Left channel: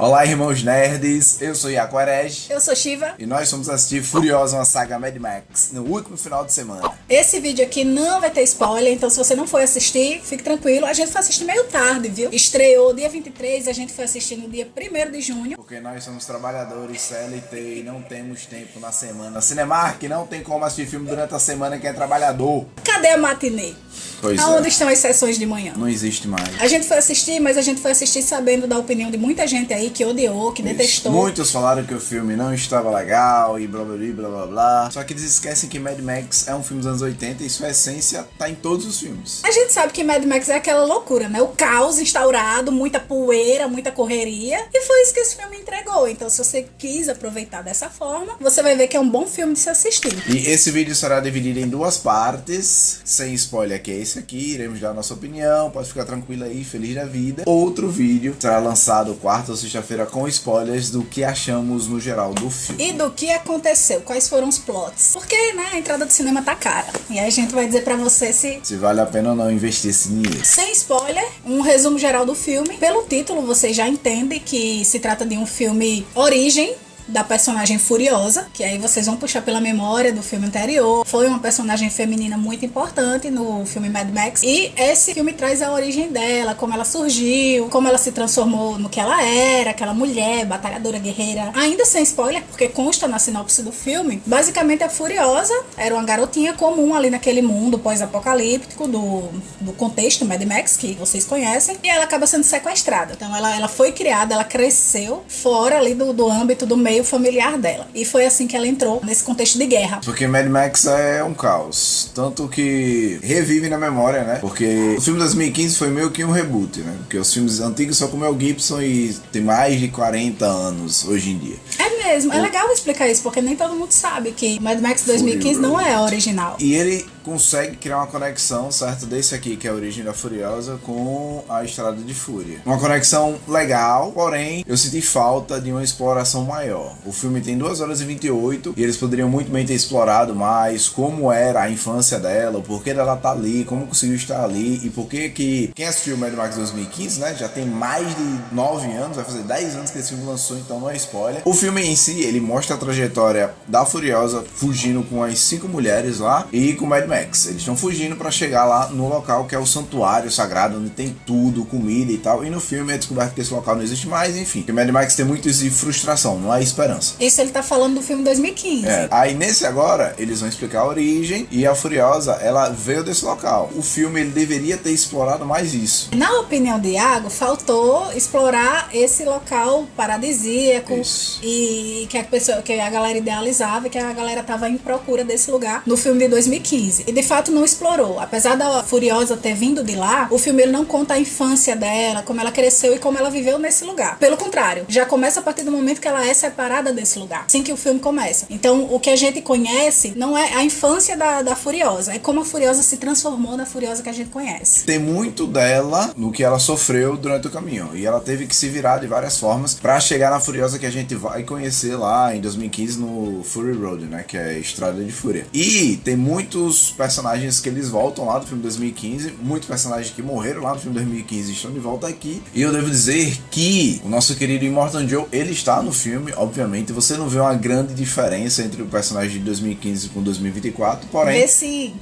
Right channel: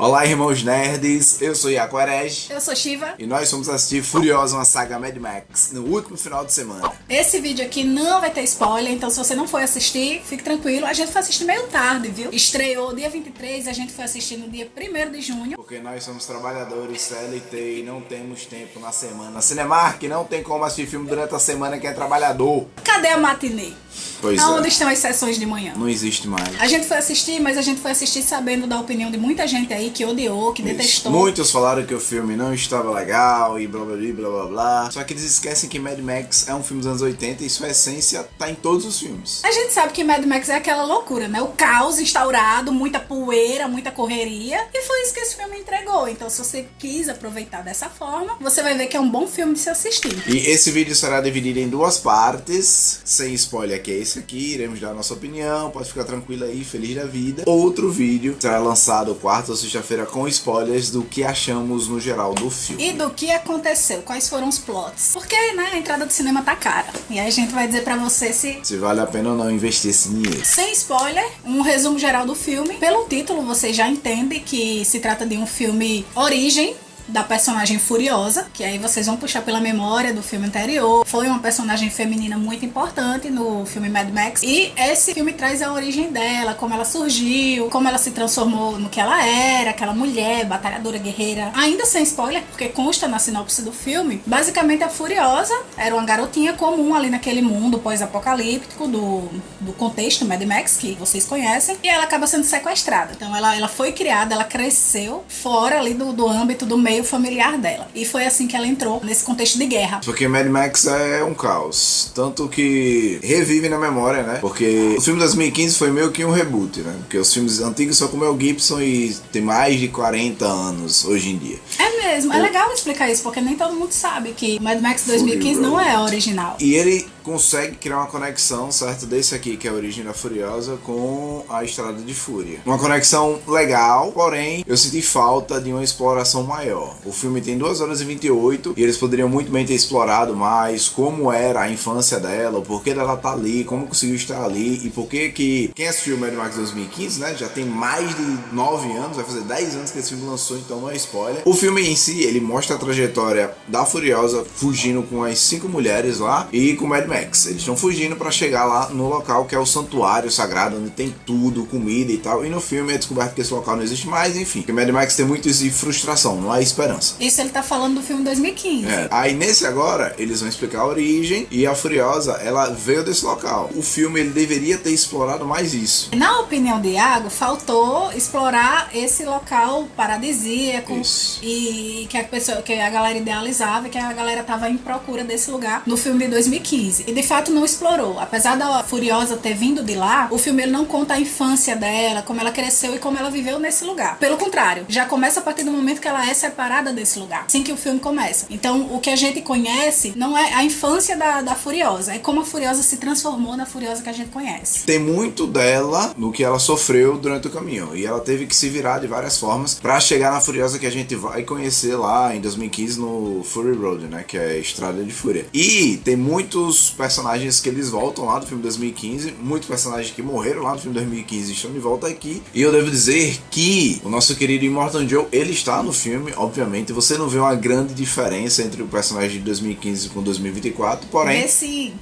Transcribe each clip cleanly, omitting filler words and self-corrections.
Olá, irmãos nerds, eu sou Iaco Herege. Eu sou Shiva. E nós fomos assistir Furiosa, uma saga Mad Max, no último final de semana. Esse vídeo aqui não vai ter spoiler, então se você não foi assistir, fique tranquilo. A gente foi assistir meio tarde, viu? Estreou dia 23, a gente foi assistir no dia 1º de junho. Porque nós somos trabalhadores CLT e não temos tempo na semana. Na Cinemark não tem como assistir filme durante a semana que é trabalhador. Cadê a matinê? Pois Aonde é. estão as sessões de manhã? Não existe mais. A gente foi assistir, mas a gente foi assistir sabendo da opinião de muita gente aí que odiou, que detestou. Muitos falaram que o filme não estava legal e blá blá blá blá blá. Só que eles esquecem que Mad Max é um filme dos anos 80 e sua essência tá em todos os filmes. A gente sabe que Mad Max é aquela loucura, né? O caos instaurado, muita poeira, muita correria. E foi isso que esse filme entregou. Então, se você quis aproveitar dessa forma, você vai ver que é um bom filme de se assistir. E esse vídeo será dividido em duas partes, sem spoiler, que é esse aqui. Iremos dar a nossa opinião, pode ficar tranquilo aí, feliz da vida. Outro vídeo será lançado quarta ou sexta-feira com spoilers do que achamos no geral do filme. E do que aconteceu, quais foram os plots. Porque, né, a entrada do cinema tá cara. E aí a gente vai dizer pra você se vale a pena ou não investir esse dinheiro. Sem spoiler, um resumo geral do filme. Pelo título, você já entende que se trata de um filme origem da personagem Furiosa, que aí vocês vão puxar pela memória do filme anterior. Foi uma personagem feminina muito importante no filme Mad Max. E esse filme traz a origem dela, como ela surgiu, como ela se transformou no que ela era, aquela mulher, batalhadora, guerreira. Ainda sem spoiler, porque consta na sinopse do filme, basicamente a Furiosa era uma garotinha comum ali naquele mundo pós-apocalíptico do contexto Mad Max, que vocês conhecem, e ela acaba sendo sequestrada. Então ela foi criada, ela cresceu fora ali do âmbito do meio familiar dela. E foi assim que ela entrou nesse contexto de guerra. Porque Mad Max é um caos. Tanto que revive na memória, né? Porque o filme de 2015 foi meio que um reboot, né? Porque os filmes antigos só com o Mel Gibson e tem mais de 40 anos hoje em dia. É mesmo. É legal explicar isso, porque nem todo mundo sabe que Mad Max 2015 não é original. E ele consegue criar uma conexão, certo? Desse aqui, que é a origem da Furiosa, com a Estrada de Fúria. Uma conexão legal, porém, eu senti falta de uma exploração maior. O filme tem 2 horas e 28 e eles poderiam muito bem ter explorado mais como era a infância dela, o porquê dela tá ali, como conseguiu estar ali e por que quem assistiu Mad Max 2015, né, já tem mais de 9 anos, vai fazer 10 anos que esse filme lançou, então não é spoiler. O filme em si, ele mostra a trajetória da Furiosa fugindo com as 5 mulheres lá e com Mad Max. Eles estão fugindo para chegar lá no local que é o santuário sagrado, onde tem tudo, comida e tal, e no filme é descoberto que esse local não existe mais, enfim. Porque Mad Max tem muito isso de frustração, não há esperança. Isso ele tá falando do filme 2015. Aí nesse agora, eles vão explicar a origem e a Furiosa, ela veio desse local. O filme, ele deveria ter explorado mais isso. Na opinião de Iago, faltou explorar esse local paradisíaco e que a galera idealizava, que a galera tava em procura desse lugar no filme de 2015. E de fato não explorou. Apesar da Furiosa ter vindo de lá, o filme ele não conta a infância dela, como ela cresceu e como ela viveu nesse lugar. Pelo contrário, já começa a partir do momento que ela é separada desse lugar, assim que o filme começa. Então, o que a gente conhece não é a infância da Furiosa, é como a Furiosa se transformou na Furiosa que a gente conhece. Tem muito dela no que ela sofreu durante o caminho, e ela teve que se virar de várias formas pra chegar na Furiosa que a gente vai conhecer lá em 2015 no Fury Road, né, que é a Estrada de Fúria. E tem muitos personagens que eles voltam lá do filme 2015, muitos personagens que morreram lá no filme 2015 estão de volta aqui, e eu devo dizer que o nosso querido Immortan Joe, ele está no filme, obviamente, você não vê uma grande diferença entre o personagem de 2015 com 2024, porém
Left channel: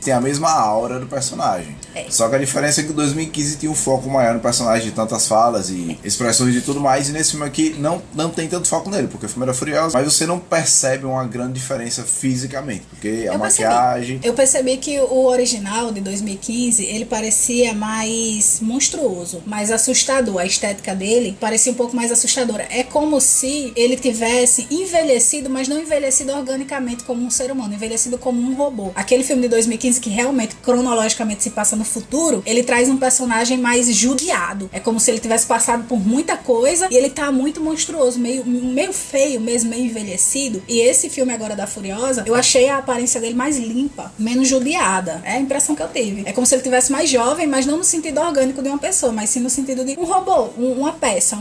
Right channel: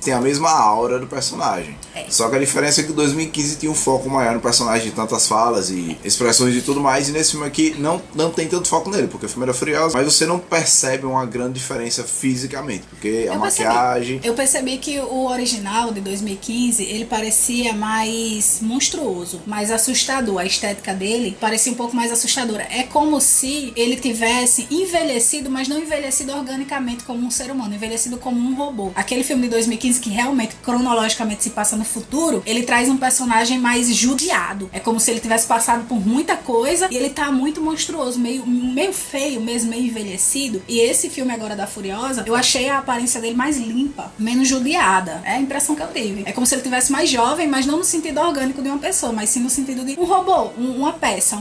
tem a mesma aura do personagem. Só que a diferença é que o 2015 tinha um foco maior no personagem, de tantas falas e expressões e tudo mais, e nesse filme aqui não tem tanto foco nele, porque o filme era Furioso, mas você não percebe uma grande diferença fisicamente, porque a maquiagem... Eu percebi que o original de 2015, ele parecia mais monstruoso, mais assustador, a estética dele parecia um pouco mais assustadora. É como se ele tivesse envelhecido, mas não envelhecido organicamente como um ser humano, envelhecido como um robô. Aquele filme de 2015 que realmente, cronologicamente, se passa no futuro, ele traz um personagem mais judiado. É como se ele tivesse passado por muita coisa e ele tá muito monstruoso, meio feio mesmo, meio envelhecido. E esse filme agora da Furiosa, eu achei a aparência dele mais limpa, menos judiada. É a impressão que eu tive. É como se ele tivesse mais jovem, mas não no sentido orgânico de uma pessoa, mas sim no sentido de um robô, uma peça,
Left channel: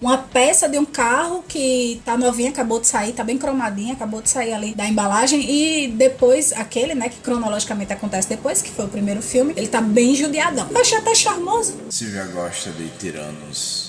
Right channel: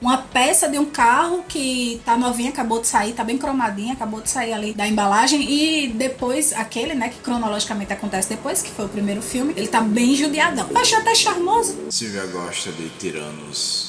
uma peça de um carro que tá novinha, acabou de sair, tá bem cromadinha, acabou de sair ali da embalagem, e depois, aquele, né, que cronologicamente acontece depois, que foi o primeiro filme, ele tá bem judiadão. Eu achei até charmoso. Silvia gosta de tiranos.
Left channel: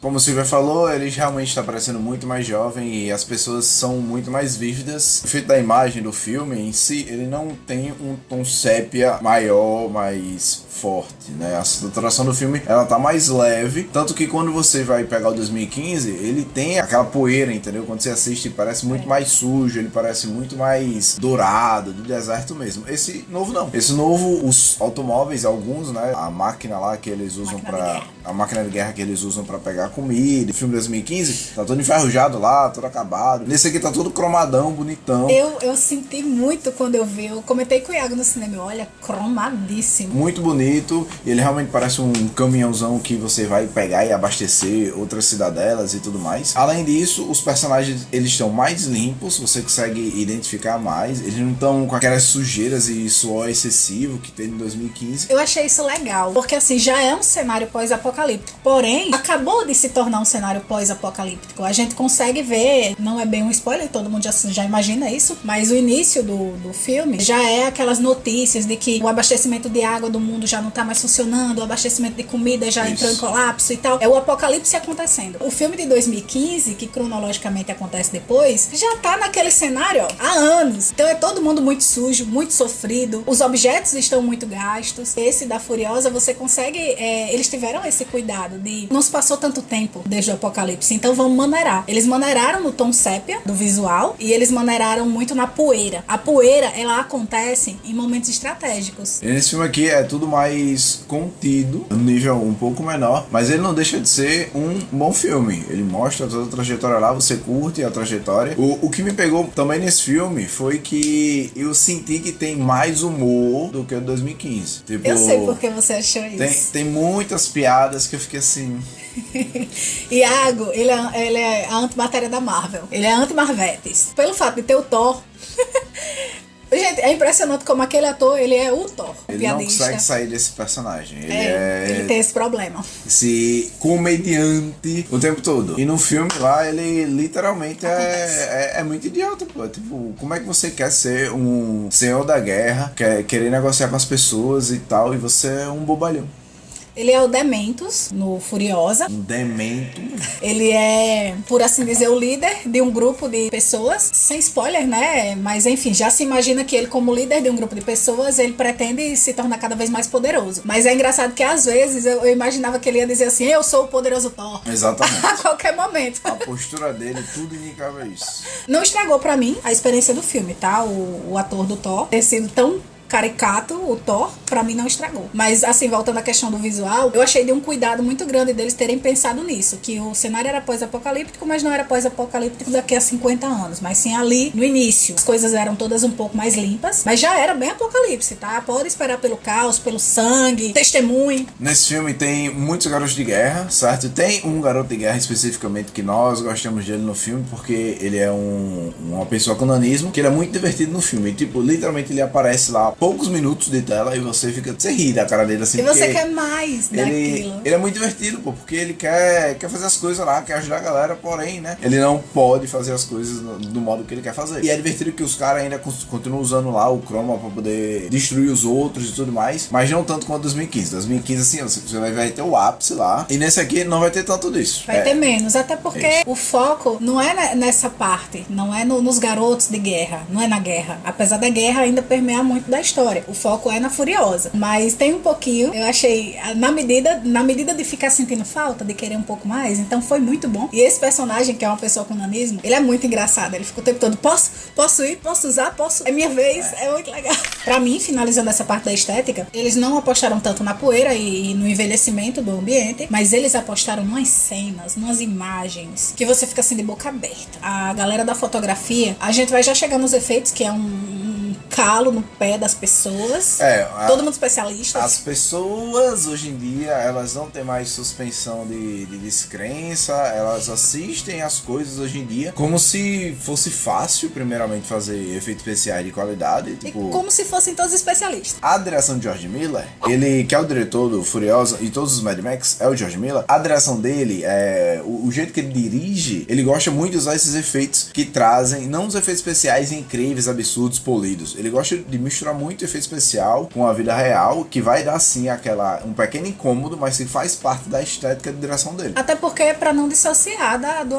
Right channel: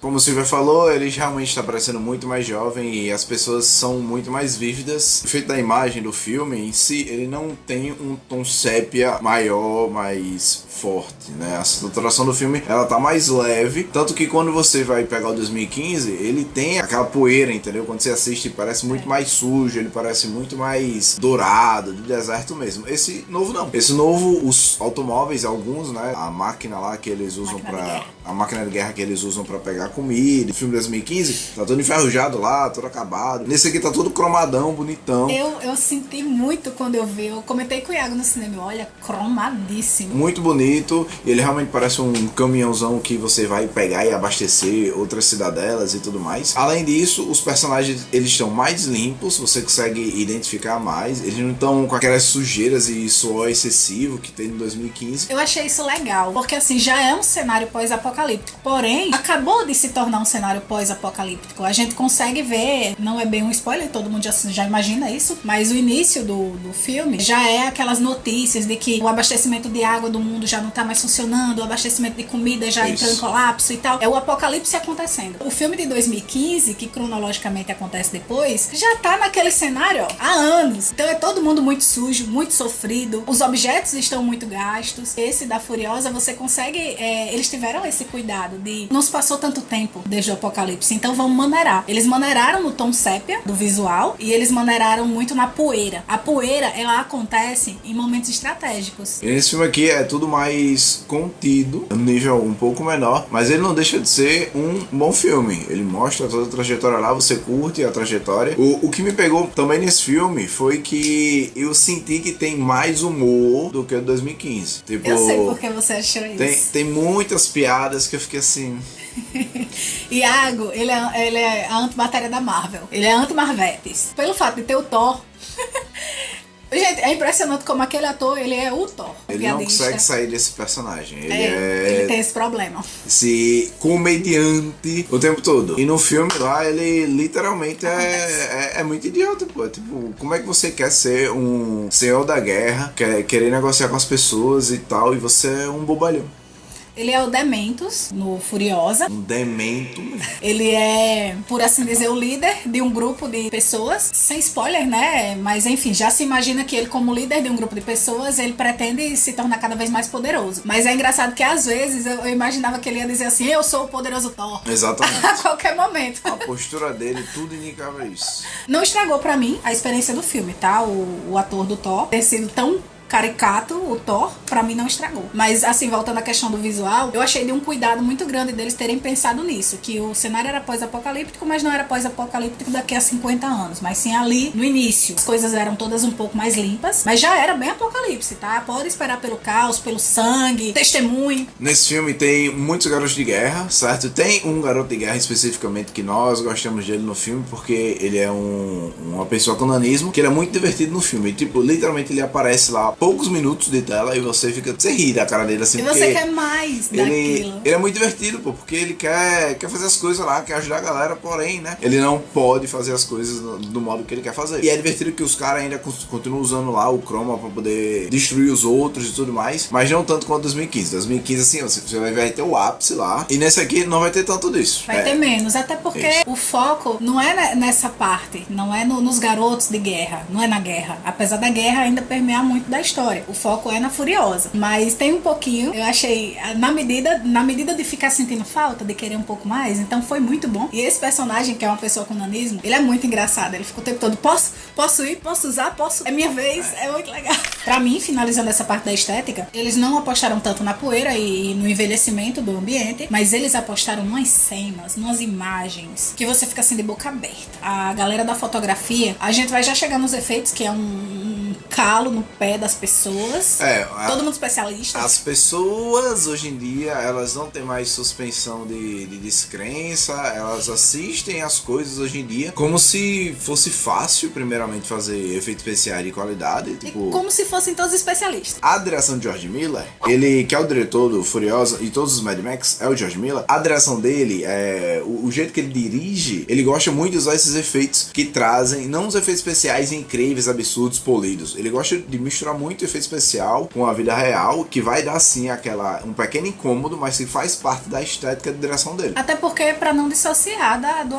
Como o Silvia falou, ele realmente está parecendo muito mais jovem e as pessoas são muito mais vívidas. O efeito da imagem do filme em si, ele não tem um tom sépia maior, mais forte, né? A saturação do filme, ela tá mais leve, tanto que quando você vai pegar o 2015, ele tem aquela poeira, entendeu? Quando você assiste, parece muito mais sujo, ele parece muito mais dourado, de deserto mesmo. Esse novo não. Esse novo, os automóveis, alguns, né? A máquina lá que eles usam a máquina de guerra que eles usam pra pegar comida. O filme de 2015 tá todo enferrujado lá, todo acabado. Nesse aqui tá todo cromadão, bonitão. Eu senti muito quando eu vi. Eu comentei com o Iago no cinema. Olha, cromadíssimo. Muito bonito. Ele realmente parece um caminhãozão que você vai pegar e abastecer outras cidadelas e tudo mais. Além disso, os personagens, eles estão mais limpos. Você consegue identificar mais. Eles não estão com aquelas sujeiras e suor excessivo que tem no 2015. Eu achei isso legal. Porque assim, já é um cenário pós-apocalíptico. Porém, acabou de se tornar um cenário pós-apocalíptico. A gente consegue ver, não é bem um spoiler, todo mundo já imagina isso, mas o início do filme já é aquelas notícias de que o abastecimento de água do mundo já não tá mais funcionando, o abastecimento de comida já entrou em colapso e tal. É o apocalipse acontecendo. O filme de 2015, que cronologicamente acontece depois, já tá naquele cenário, ó, há anos. Então é todo mundo muito sujo, muito sofrido, os objetos estão muito gastos. Esse da Furiosa, você consegue... eles tiveram esse cuidado de... Não se passou tanto tempo desde o apocalipse, então vamos maneirar. Eles maneiraram no tom sépia do visual e eles maneiraram muito na poeira. A poeira, ela acontece em momentos estratégicos. E nesse filme aqui é tudo mais contido, um nível um pouco menor, mas ele não deixa de ser um bom filme. Ele mostra toda a trajetória lá, você curte a trajetória. O que me pegou também nesse filme foi que eu senti que tem mais humor do que o 2015. Tipo, eu sei por que você achou isso. Tem muitas piadas que eu fiquei assim... Iago, ele é a antimatéria da Marvel. Ele é anti-Marvetes. Pelo fato de ter o Thor... Gente, é impressionante como aquele ator, ele é o Thor. Ele piadista. não consegue sair desse personagem. Ele tem esse problema. Esse comediante o tempo todo. E no filme lá, ele literalmente é muito idiota, pô. Tipo, como é que você quer ser um senhor da guerra, querer negociar com as pessoas e tal, e você é um bobalhão? Ele é o Dementos, no Furiosa. Um demento. Ele é, por assim dizer, o líder de um grupo de pessoas. Sem spoiler, né? Mas, enfim, já se imagina que ele, como líder de um grupo de pessoas, ele pretende se tornar cada vez mais poderoso. Mas é engraçado que, às vezes, eu imaginava que ele ia dizer assim, eu sou o poderoso Thor. Exatamente. A qualquer momento. A postura dele, tudo indicava isso. Não estragou pra mim a experiência do filme, tá? O ator do Thor ter sido tão caricato, o Thor, pra mim não estragou. Mas, assim, voltando à questão do visual, eu achei de um cuidado muito grande deles terem pensado nisso, que o cenário era pós-apocalíptico, mas não era pós-apocalíptico daqui a 50 anos, mas sim ali no início. As coisas eram todas um pouco mais limpas, mas já era bem apocalipse, tá? Pode esperar pelo caos, pelo sangue, testemunho. Nesse filme tem muitos garotos de guerra, certo? Tem um garoto de guerra especificamente que nós gostamos dele no filme, porque ele é uma pessoa com nanismo, que ele é muito divertido no filme. Tipo, literalmente ele aparece lá poucos minutos de tela e você ri da cara dele assim. E você quer mais daquilo. Ele é muito divertido, pô, porque ele quer fazer as coisas lá, quer ajudar a galera, porém, né? Ele não pode fazer as coisas do modo que ele quer fazer. E é divertido que os caras ainda continuam usando lá o chroma pra poder destruir os outros e tudo mais, mas não tanto quanto 2015. 2015, assim, você vai ter o ápice lá, e nesse aqui não vai ter tanto disso. Vai ter menos, até porque o foco não é nessa parte, não é nos garotos de guerra, não é na guerra. Apesar da guerra ainda permear muito da história. O foco é na Furiosa. Mas tem um pouquinho, eu achei, na medida de ficar sentindo falta, de querer um pouco mais, então foi muito bom. E esse personagem, que é uma pessoa com nanismo, ele é muito engraçado. Ele fica o tempo todo, posso ir? Posso usar? Posso? É minha vez. É muito legal. Pra mim, finalizando essa parte da estética, eles não apostaram tanto na poeira e no envelhecimento do ambiente, mas eles apostaram nas cenas, nas imagens, que você fica assim de boca aberta. A galera da fotografia, a gente vai já chegar nos efeitos, que é um calo no pé das pessoas. Todo mundo especialista. As pessoas hoje em dia, elas não têm mais suspensão de descrença, elas assistem as coisas hoje em dia como se fosse fácil, primeiramente, fazer efeitos especiais de qualidade. Tipo, e como se fossem todos especialistas. A direção de George Miller, ele que é o diretor do Furiosa e todos os Mad Max, é o George Miller. A direção dele, o jeito que ele dirige, ele gosta muito de usar esses efeitos que trazem, não os efeitos especiais incríveis, absurdos, polidos. Ele Ele gosta de misturar muito efeito especial com a vida real, que vai dar sim um pequeno incômodo, mas que faz parte da estética de direção dele. Até porque é pra não dissociar do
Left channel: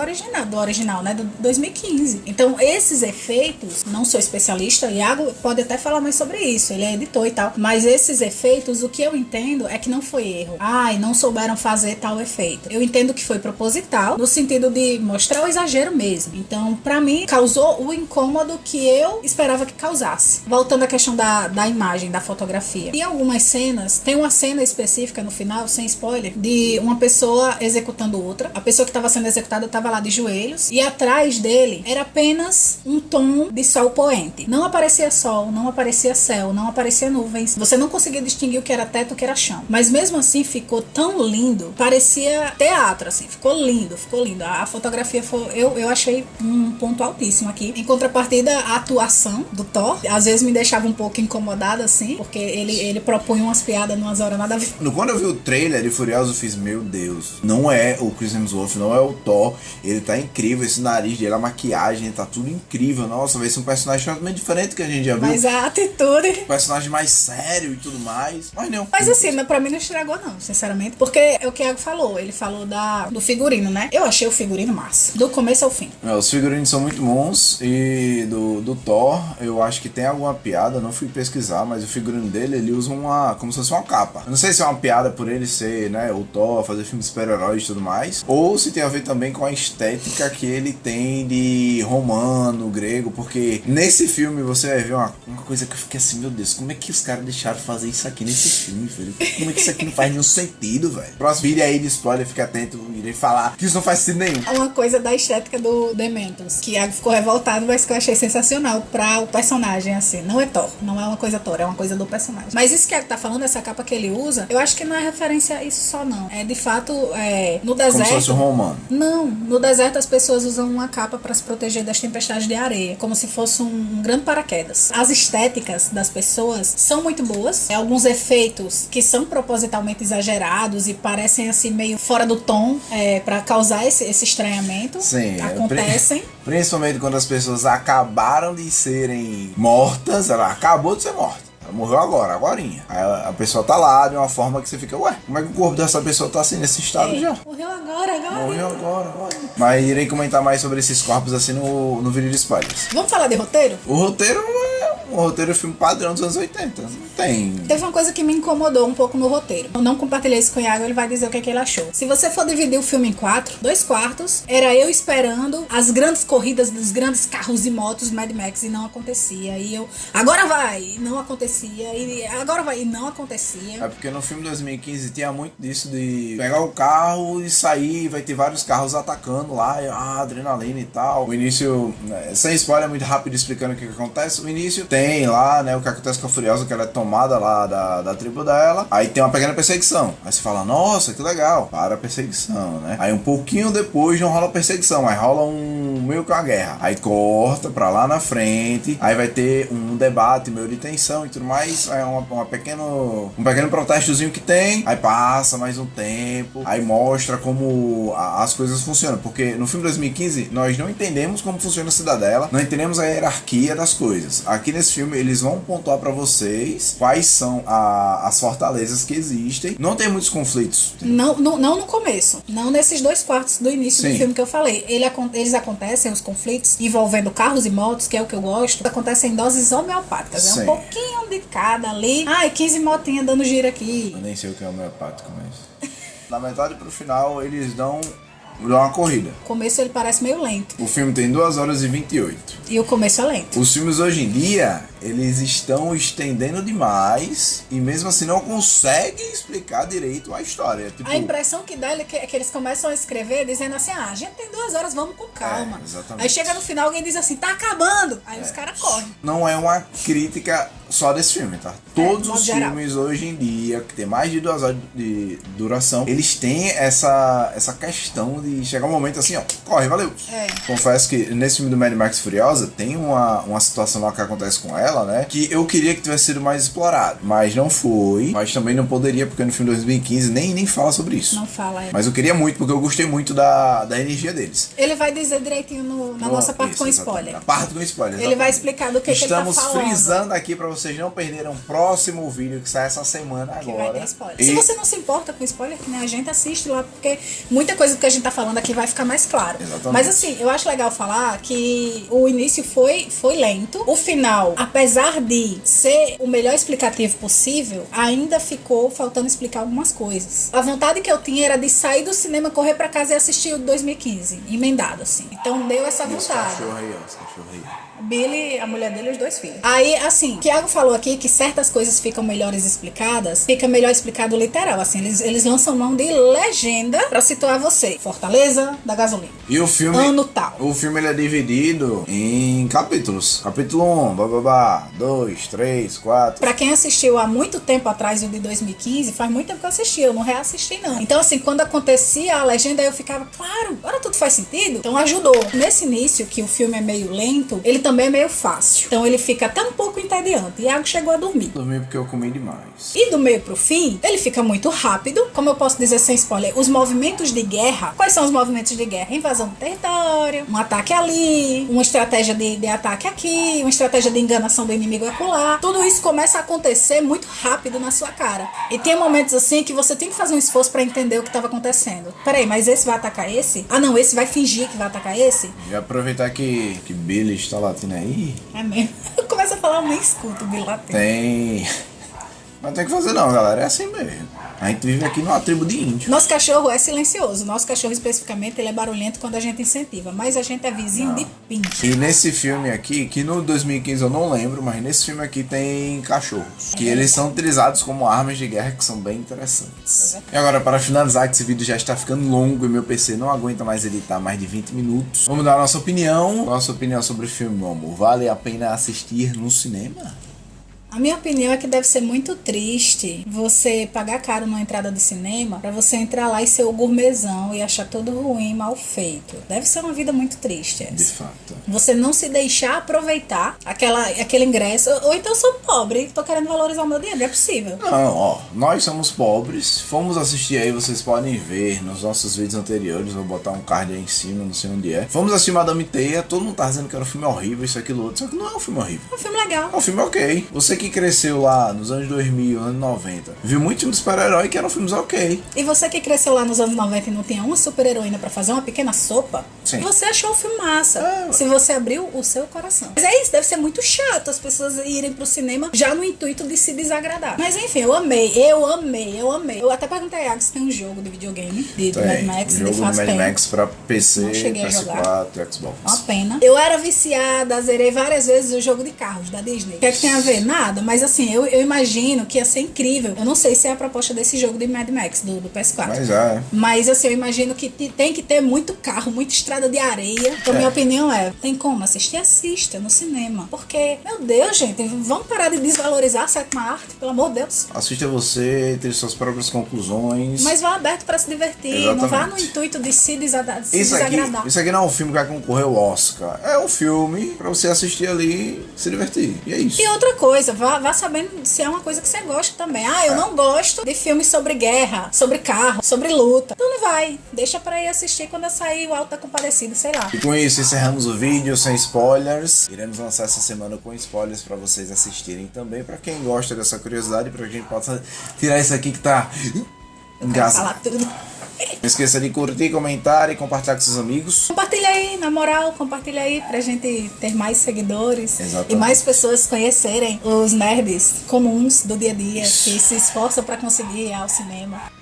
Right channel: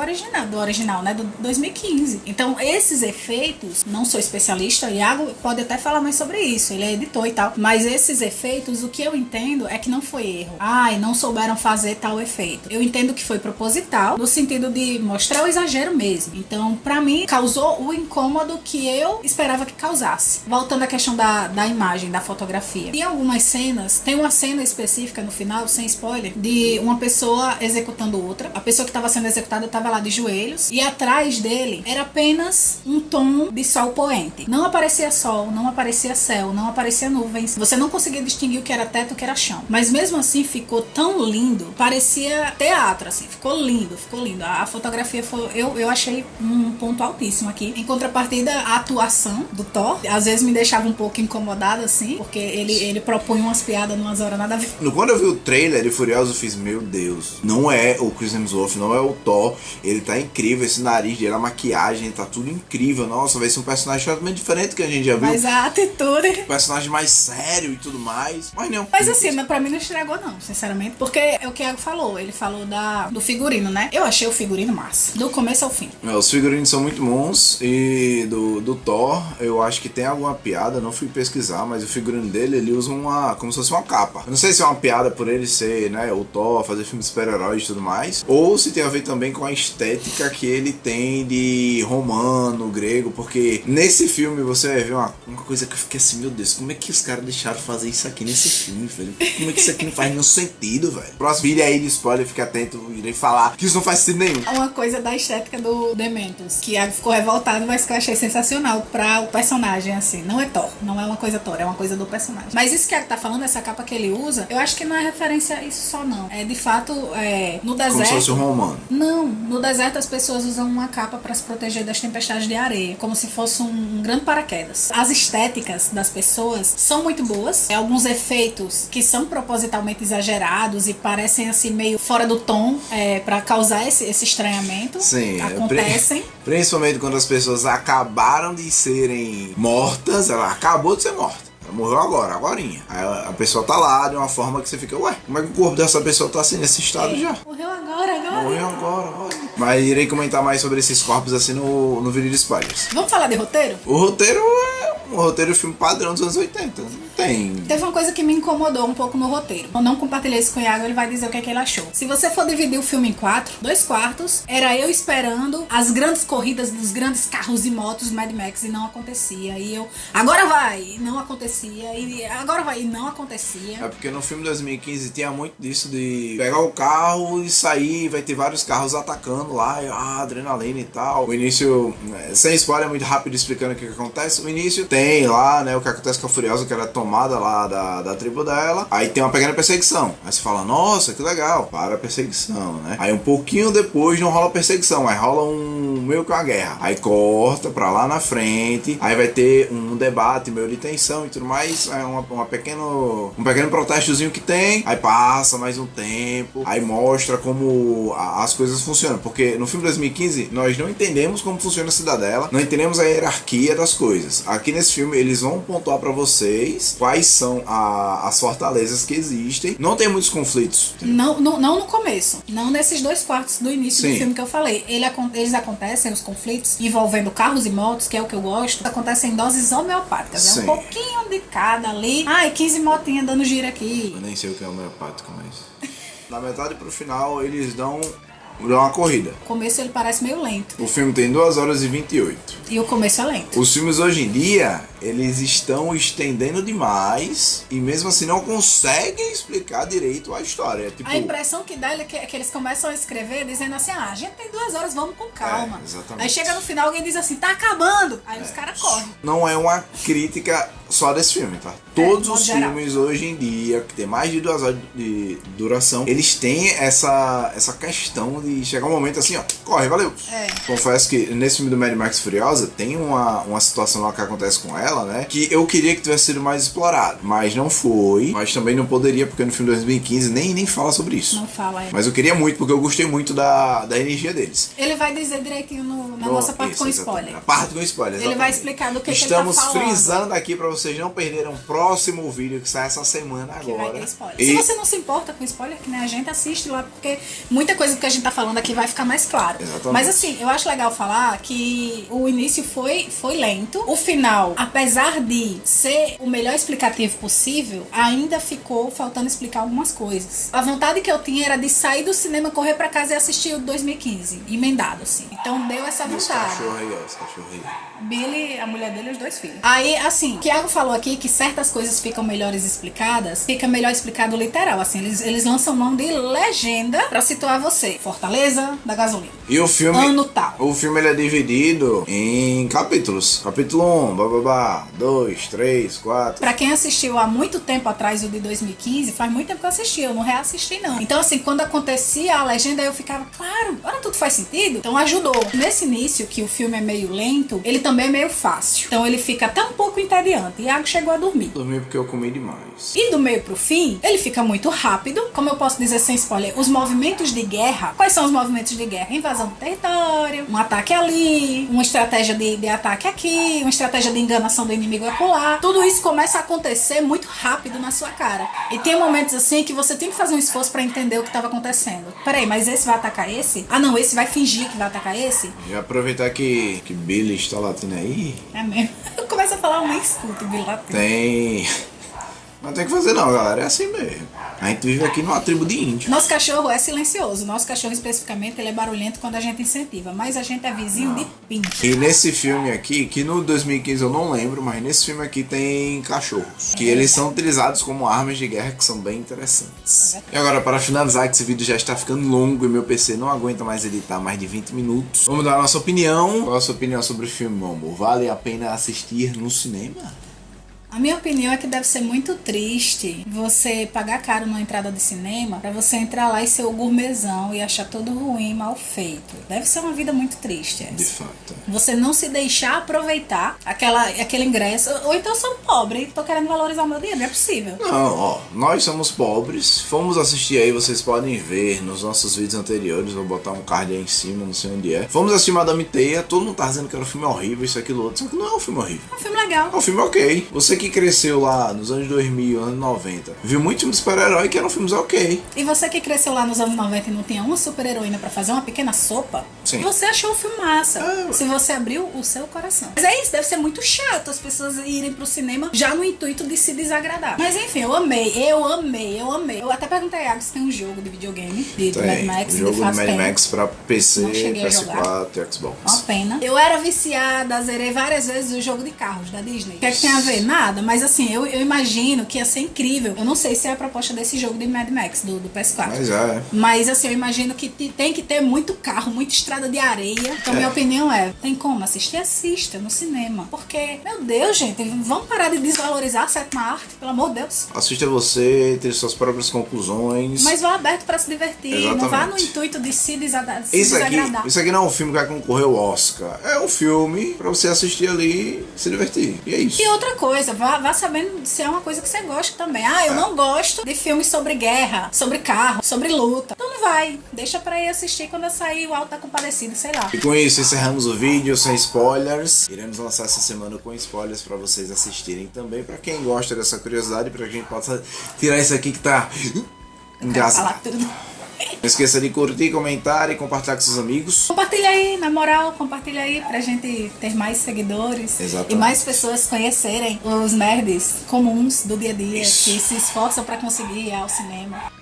original, né, do 2015. Então, esses efeitos, não sou especialista, o Iago pode até falar mais sobre isso, ele é editor e tal, mas esses efeitos, o que eu entendo é que não foi erro. Não souberam fazer tal efeito. Eu entendo que foi proposital, no sentido de mostrar o exagero mesmo. Então, pra mim, causou o incômodo que eu esperava que causasse. Voltando à questão da imagem, da fotografia. Em algumas cenas, tem uma cena específica no final, sem spoiler, de uma pessoa executando outra. A pessoa que estava sendo executada estava lá de joelhos e atrás dele era apenas um tom de sol poente. Não aparecia sol, não aparecia céu, não aparecia nuvens. Você não conseguia distinguir o que era teto e o que era chão. Mas mesmo assim ficou tão lindo, parecia teatro, assim. Ficou lindo, ficou lindo. A fotografia foi, eu achei um ponto altíssimo aqui. Em contrapartida, a atuação do Thor, às vezes me deixava um pouco incomodada, assim, porque ele propõe umas piadas numas horas nada a ver. Quando eu vi o trailer de Furioso, eu fiz, meu Deus, não é o Chris Hemsworth, não é o Thor, ele tá incrível, esse nariz dele, a maquiagem, tá tudo incrível, nossa, vai ser um personagem totalmente diferente que a gente já viu. Mas a atitude... Um personagem mais sério e tudo mais, mas não. Mas assim, pra mim não estragou não, sinceramente, porque é o que o Iago falou, ele falou do figurino, né? Eu achei o figurino massa, do começo ao fim. Os figurinos são muito bons e do Thor, eu acho que tem alguma piada, não fui pesquisar, mas o figurino dele, ele usa como se fosse uma capa. Eu não sei se é uma piada por ele ser, né, o Thor, fazer filme de super-heróis e tudo mais, ou se tem a ver também com a estética que ele tem de romano, grego, porque nesse filme você vai ver uma coisa que eu fiquei assim, meu Deus, como é que os caras deixaram fazer isso aqui nesse filme, velho? Como é que isso aqui não faz nenhum sentido, velho? Próximo vídeo aí de spoiler, fica atento, irei falar que isso não faz sentido nenhum. É uma coisa da estética do Dementos, que Iago ficou revoltado, mas que eu achei sensacional pra o personagem, assim. Não é Thor, não é uma coisa Thor, é uma coisa do personagem. Mas isso que Iago tá falando, essa capa que ele usa, eu acho que não é referência a isso só, não. É de fato, no deserto... Como se fosse um romano. Não, no deserto as pessoas usam uma capa pra se proteger das tempestades de areia, como se fosse um grande paraquedas. As estéticas das pessoas são muito boas, alguns efeitos que são propositalmente exagerados e parecem assim meio fora do tom, pra causar esse estranhamento. Sim, acontecem. Principalmente quando as pessoas acabaram de serem mortas, ela acabou de ser morta. Morreu agorinha. Aí a pessoa tá lá de uma forma que você fica, ué, como é que o corpo dessa pessoa tá assim, nesse estado já? Morreu agora. Mas irei comentar mais sobre esses corpos assim no vídeo de spoilers. Vamos falar de roteiro? O roteiro é um roteiro de filme padrão dos anos 80. Não tem... Teve uma coisa que me incomodou um pouco no roteiro. Eu não compartilhei isso com o Iago, ele vai dizer o que é que ele achou. Se você for dividir o filme em 2 quartos, era eu esperando as grandes corridas dos grandes carros e motos Mad Max e não acontecia. E eu, agora vai! E não acontecia. E agora vai! E não acontecia. É porque no filme 2015 tinha muito disso de pegar o carro e sair, vai ter vários carros atacando lá, adrenalina e tal. O início, sem spoiler, é muito rápido explicando o que acontece. O início tem lá, né, o que acontece com a Furiosa, que ela é tomada lá da tribo dela. Aí tem uma pequena perseguição. Aí você fala, nossa, que legal. Para a perseguição, né? Aí um pouquinho depois não rola perseguição, aí rola meio que uma guerra. Aí corta pra lá na frente. Aí vai ter um debate meio de tensão e tudo mais. É um pequeno protestozinho que tem. Aí passa mais um tempo. Aí mostra como as coisas funcionam. Porque no filme 2015 nós não entendemos como funciona a cidadela. Não entendemos a hierarquia das coisas. Aqui nesse filme eles vão pontuar pra vocês quais são as fortalezas que existem. Não tem muitos conflitos. Não no começo. Não nesses 2 quartos do início do filme que eu falei. Eles acontecem, os conflitos, envolvendo carros e motos, que é o que eu gosto, acontecem em doses homeopáticas. Sim. É um pouquinho de cada ali. 15 motinhas dando giro aqui. Eu nem sei o que é homeopático, mas... Da metade pro final eles dão uma corrida. O começo ele parece meio lento. O filme tem 2 horas e 28. E o começo é lento. Os filmes hoje em dia, eles estão estendendo demais e mesmo assim não conseguem explicar direito a história. Tipo, a impressão que dá é que eles começam a escrever dizendo assim, a gente tem 2 horas, vamos com calma. Exatamente. Aí chega no final alguém diz assim, tá acabando. Aí os caras correm. Não é uma crítica só desse filme, tá? Todos os geral. filmes hoje em dia, que tem mais de 2 horas de duração, eles têm essa questão de chegar um momento assim, ó, corre, valeu. Confesso que nesse filme do Mad Max Furiosa tem uma situação lá que acontece com ela, né? Que eu queria que tivesse sido mais explorado, mas não foi. Mas também não poderia, porque no filme de 2015 nem fala sobre isso. Não fala, Mas eu queria muito, porque eu gostei muito da energia deles. Ele vai dizer direitinho na nossa parte com spoiler. A parte com spoiler, exatamente. Ele vai explicar do que ele tá falando. Estamos frisando aqui pra vocês não perderem o próximo vídeo que sai essa semana agora. Que vai ter spoiler. Se você não se importa com spoiler, que nem a gente, assiste lá, porque muita coisa do que a gente tá falando aqui vai ficar mais claro. Exatamente. Mas assim, eu acho legal falar que o início foi lento. O final, apesar de ser o melhor explicativo possível, ainda ficou faltando explicar algumas coisas. A vontade que eu tinha era de sair do cinema, correr pra casa e assistir o 2015, emendado assim. Então deu essa vontade. Esse cachorro aí. Billy, a mulher dele e os 2 filhos. Aí, assim, o Thiago falou aqui que certas coisas ficam melhores explicadas, fica melhor explicado literal, assim, eles lançam mão de legenda pra situar você. Fortaleza da gasolina. E o filme... Ano tal. O filme ele é dividido em capítulos. Capítulo 1, 2, 3, 4... Pra quem assistiu há muito tempo atrás, o de 2015, faz muito tempo que eu assisti, eu não reassisti não. Então, assim, quando acontecia a legenda, eu ficava, claro, agora tudo faz sentido. Então ajudou. Nesse início, que o filme é meio lento, ele também é meio fácil. Então ele fica até um pouco entediante. Iago chegou a dormir. Dormi porque eu comi demais. E do meio pro fim, ele fica muito rápido. Como eu posso dizer sem spoiler, os movimentos de guerra. Quais são os movimentos de guerra? Invasão do território, um ataque ali, uma estratégia de ataque aqui, uma estratégia de enganação do inimigo acolá. Tudo isso começa a acontecer muito rápido na sua cara. E tem momentos assim que você tem que fazer um esforço pra entender o que estava acontecendo. Peraí, mas esse vai atacar esse? Ah não, esse vai fingir que vai atacar esse? E aproveitar que Billy está latindo aí. É mesmo. Eu começo a falar, eu nem escuto o Billy latindo. Tem... Não tem que fazer não, galera. É assim mesmo. A gente vive aqui numa tribo de índio. Nosso cachorro é silencioso. Nosso cachorro, especificamente, ele é barulhento quando a gente incentiva. Mas a gente é vizinho de pinche. E nesse filme aqui, que no 2015 eu não lembro, mas nesse filme aqui tem cachorros. Que eles são utilizados como armas de guerra, que são bem interessantes. E agora, para finalizar, que esse vídeo já está ficando longo e meu PC não aguenta mais editar mais de 20 minutos. Vamos dar a nossa opinião. Qual a sua opinião sobre o filme, meu amor? Vale a pena assistir no cinema? A minha opinião é que deve ser muito triste você pagar caro numa entrada de cinema pra você entrar lá e ser o gourmetzão e achar tudo ruim, mal feito. Deve ser uma vida muito triste essa. De fato. Você não se deixar aproveitar aquele ingresso. Ou então eu sou pobre, tô querendo valorizar o meu dinheiro, não é possível. Não, ó, nós somos pobres, fomos assistir aí, vocês podem ver nos nossos vídeos anteriores, vou botar um card aí em cima, não sei onde é. Fomos assistir Madame Teia, todo mundo tá dizendo que era um filme horrível, isso, aquilo, outro, só que não é um filme horrível. É um filme legal. É um filme ok. Você que cresceu lá nos anos 2000, anos 90, viu muito filme de super-herói que eram filmes ok. E você que cresceu lá nos anos 90 e não tinha uma super-heroína pra fazer uma pequena sopa, Sim. Você achou um filme massa. Se você abriu o seu coração. Mas é isso, deve ser muito chato as pessoas irem pro cinema já no intuito de se desagradar. Mas enfim, eu amei. Eu até perguntei a Iago se tem um jogo de videogame do Mad Max. O jogo do Mad Max pra PC, PS4 e Xbox. Uma pena. Eu era viciada, zerei várias vezes o jogo de carros da Disney. O que é que tem a ver? Nada, mas assim, eu imagino que ia ser incrível. Eu não sei se é a proposta desse jogo de Mad Max, do PS4. Mas é. Mas assim, eu imagino que tem que ter muito carro, muita estrada de areia. Então, minha opinião é, tem como assistir? Assista no cinema. Porque, meu Deus, gente, vamos parar de desvalorizar a sétima arte, pelo amor de Deus. Assista você, ter suas próprias conclusões. Mas vá aberto para se divertir. Exatamente. Não vá no intuito de se desagradar. Isso aqui não é um filme que vai concorrer ao Oscar. É um filme pra você assistir ali e se divertir. E é isso. E outra coisa, vá sabendo se é uma coisa que você gosta também. Ah, eu não gosto de filmes sobre guerra, sobre carro, sobre luta. Então não vai. Deixa pra ir assistir quando eu sair o Alto da Compadecida, sei lá. E com isso encerramos o vídeo sem spoilers. Iremos lançar essa semana com spoilers pra vocês assistirem também. Pra quem gosta dessa curiosidade, pra quem possa tirar isso aqui que tá engasgado. Não esqueça de curtir, comentar e compartilhar com seus amigos. Compartilha aí, na moral, compartilha aí pra gente ter mais seguidores. Exatamente. E mais pessoas conhecerem os nerds comuns do dia a dia, que se esforçam pra conseguir ir ao cinema.